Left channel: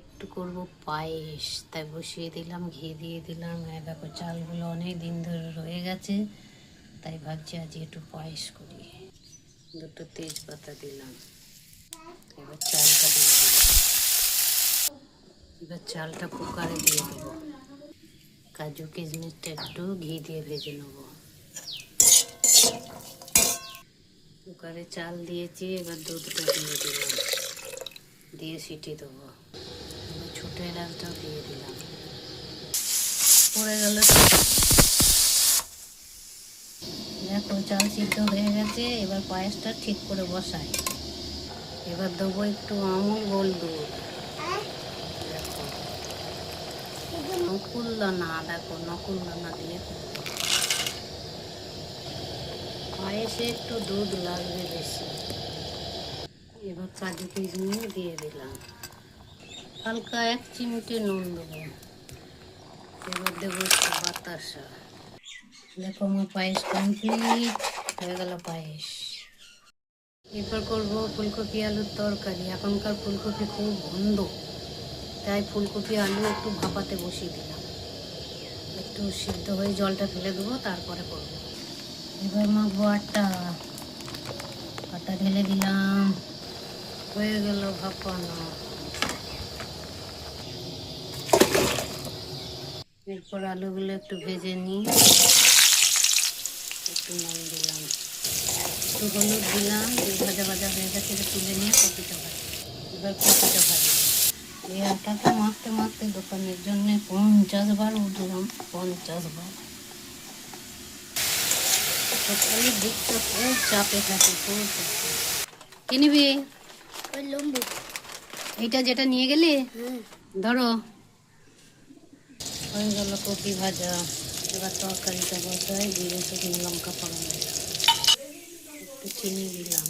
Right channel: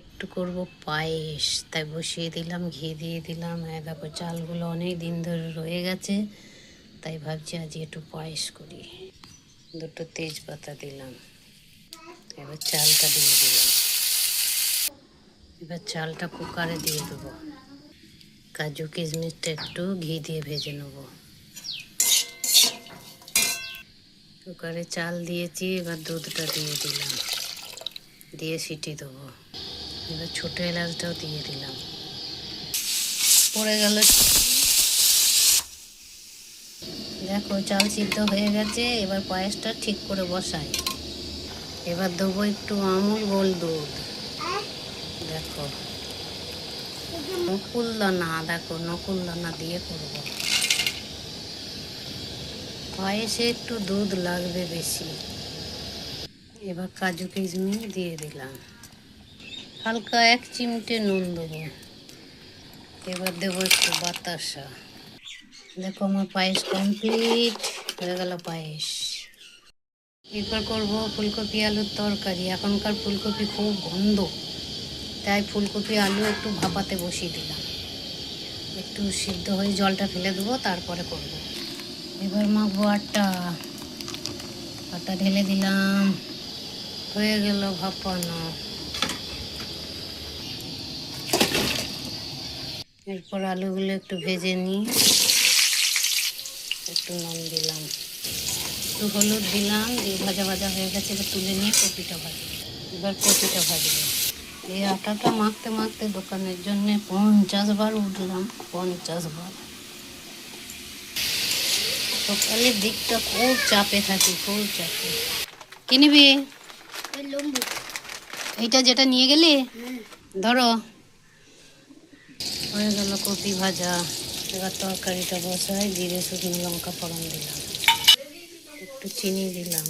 একটু করব পায়েস, তাই বসিয়ে দিলাম, ঘি দিয়ে দিলাম। দেখো চালগুলো অনেক দিন ধরে রয়ে গেছে, তাই ভাবছি আজ একটু পায়েস করি। দুটো তেজপাতা দিলাম, এবার চালটা দিয়ে দিলাম। এবার চালটা কুকারে দিয়ে দেবো। কাজু কিশমিশটা একটু ঘি দিয়ে ভেজে নেব। কুকারে চাল দিয়েছি, এবার দুধটা দিয়ে দিলাম, দিয়ে সিটি দেবো। এবার ছোটো এলাচটাও দিয়ে দিলাম। পড়ে গেল। দেখো চাল সিদ্ধ হয়ে গেছে, এবার পায়েসটা ঠিক করে বসাই। এবার দেবো একটু আমুল গোল্ড দুধ। দেখো নকুলদানা, দেখো নকুলদানা দিয়ে করবো। পায়েসে একটু দুধ লাগবে বেশি। এবার কাজু কিশমিশ দিয়ে দিলাম, হালকা 1 চিমটে নুন দেবো। এবার দেবো একটু বাতাসা। দেখো আমার পায়েস কমপ্লিট হয়ে গেল পায়েস। এরপর করবো ফুলকপি আলুর তরকারি। এখনকার ফুলকপি খুব গন্ধ, তাই ফুলকপি আলু একটু ভাপাতে বসিয়ে দিলাম। একটু সিদ্ধ হয়ে জলটা ফেলে দেবো, তারপরে করবো। এবার মাখবো আটা ঢেলে দিলাম, হয়ে গেল ভাপানো। এরপর আলুগুলো একটু ভেজে নিই, একটু নুন দিলাম, একটু হলুদ দিলাম, দিয়ে ভাজা ভাজা হয়ে গেছে। এবার তুলে নিয়ে কপিটা ভাজি। এবার কপিটা ভাজবো। এই আটাটা মাখতে মাখতে দোকানের জন্য 50 বার উঠলাম, 50 বার। সকালের দিকটা খুব চাপে থাকি, খুব চাপে। কি নিবি? এইটা যেটা নিয়ে গেলি, ধরো। হয়ে গেল কপি ভাজা। এবার তরকারিটা বসাই, জিরে শুকনো লঙ্কা ফোড়ন দিলাম, একটু চিনি দিলাম।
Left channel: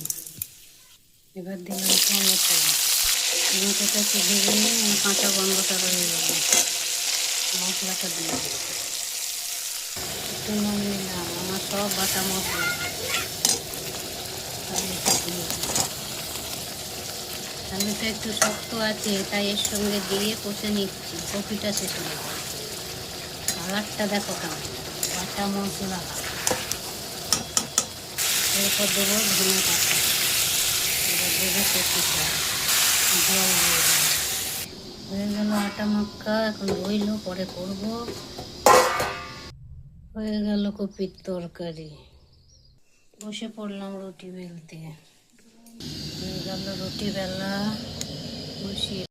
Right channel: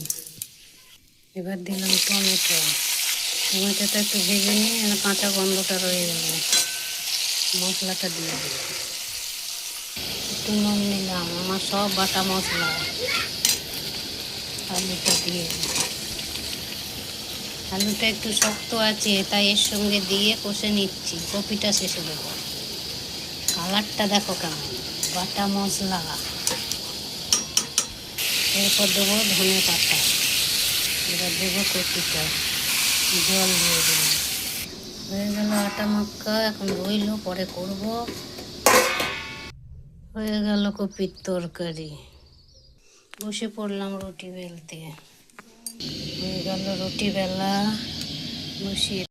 এবার দিলাম টমেটো। টমেটোটা একটু ভেজে নিয়ে কাঁচা গন্ধটা রয়ে গেল, মশলাটা দিয়ে দিলাম। একটু নুন নিলাম, আমার সব বাটা মশলা। আলুটা দিয়ে দিলাম। আলুটা একটু শক্ত আছে, তাই এর সঙ্গে দিয়ে কষে নিচ্ছি। কপিটা শেষ হয়ে গেল। কালারটা দেখো কেমন, বাটা মশলা। এরপর দেবো ধনে পাতা। এবার দেবো কপিটা, জল দিয়ে দেবো। হয়ে গেল আটা মাখা, এখন রইল, পরে করব। হয়ে গেল কপির তরকারি। বসে পড়লাম রুটি বেলতে। হয়ে গেল রুটি বেলা, বসিয়ে